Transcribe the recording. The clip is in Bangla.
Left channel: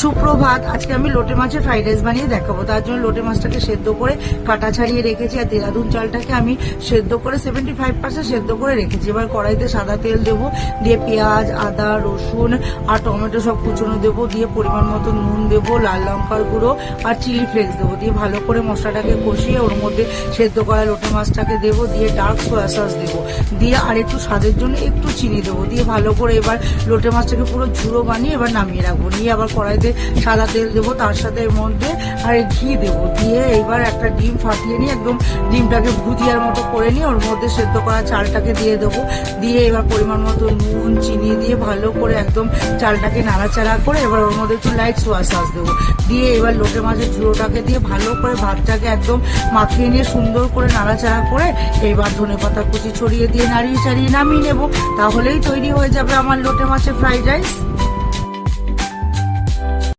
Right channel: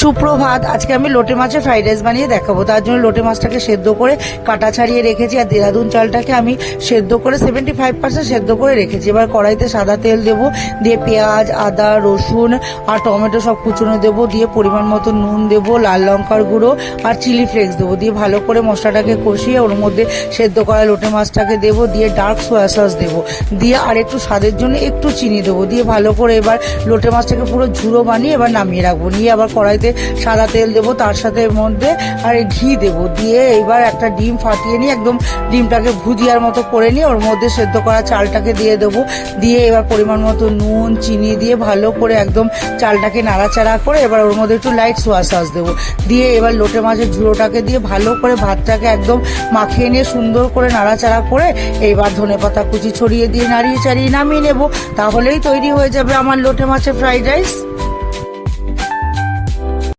সুপ্রভাত। আজকে আমি লোটে মাছের ফ্রাইড রাইস বানিয়ে দেখাবো। তার জন্য লোটে মাছটাকে সেদ্ধ করে কাটা ছাড়িয়ে রেখেছি, আর দেরাদুন চালটাকে আমি সেদ্ধ করে 75% সেদ্ধ করে রেখেছি। এবার কড়াইতে সাদা তেল দেবো, দিয়ে পেঁয়াজ, আদা, রসুন আর টমেটো সব কুচনো দেবো, দিয়ে পরিমাণ মতো নুন দেবো, লাল লঙ্কার গুঁড়ো আর চিলি ফ্লেক্স দেবো, দিয়ে ভালো করে মশলাটাকে কষিয়ে ওর মধ্যে সেদ্ধ করা লোটে মাছটাকে দেবো, দিয়ে ডার্ক সোয়া সস দেবো, দিয়ে আর একটু স্বাদের জন্য একটু চিনি দেবো, দিয়ে ভালো করে এবার লোটে মাছটাকে পুরো ঝুড়ো বানিয়ে এবার নামিয়ে রাখবো। নিয়ে আবার কড়াইতে সাদা তেল দেবো, তার সাথে এর মধ্যে আর ঘি দেবো, দিয়ে এবার একটা ডিম ফাটিয়ে নিয়ে একদম ডিমটাকে ভুজিয়ার মতো করে নিয়ে ওর মধ্যে সেদ্ধ করা চালটাকে দিয়ে দেবো, দিয়ে এবার পরিমাণ মতো নুন চিনি দিয়ে ভালো করে একদম চালটাকে নাড়াচাড়া করে এবার ওর মধ্যে একটু লাইট সোয়া সস দেবো, দিয়ে এবার লোটে মাছের ঝুড়োটাকে দিয়ে ভালো করে ভাতটাকে একদম মাখিয়ে নিয়ে সুন্দর করে নাড়াচাড়া করে এইবার ধনেপাতা কুচি ছড়িয়ে দিয়ে নাড়িয়ে চাড়িয়ে নামিয়ে নেবো। তাহলেই তৈরি হয়ে যাবে আমার লোটে মাছের ফ্রাইড রাইস।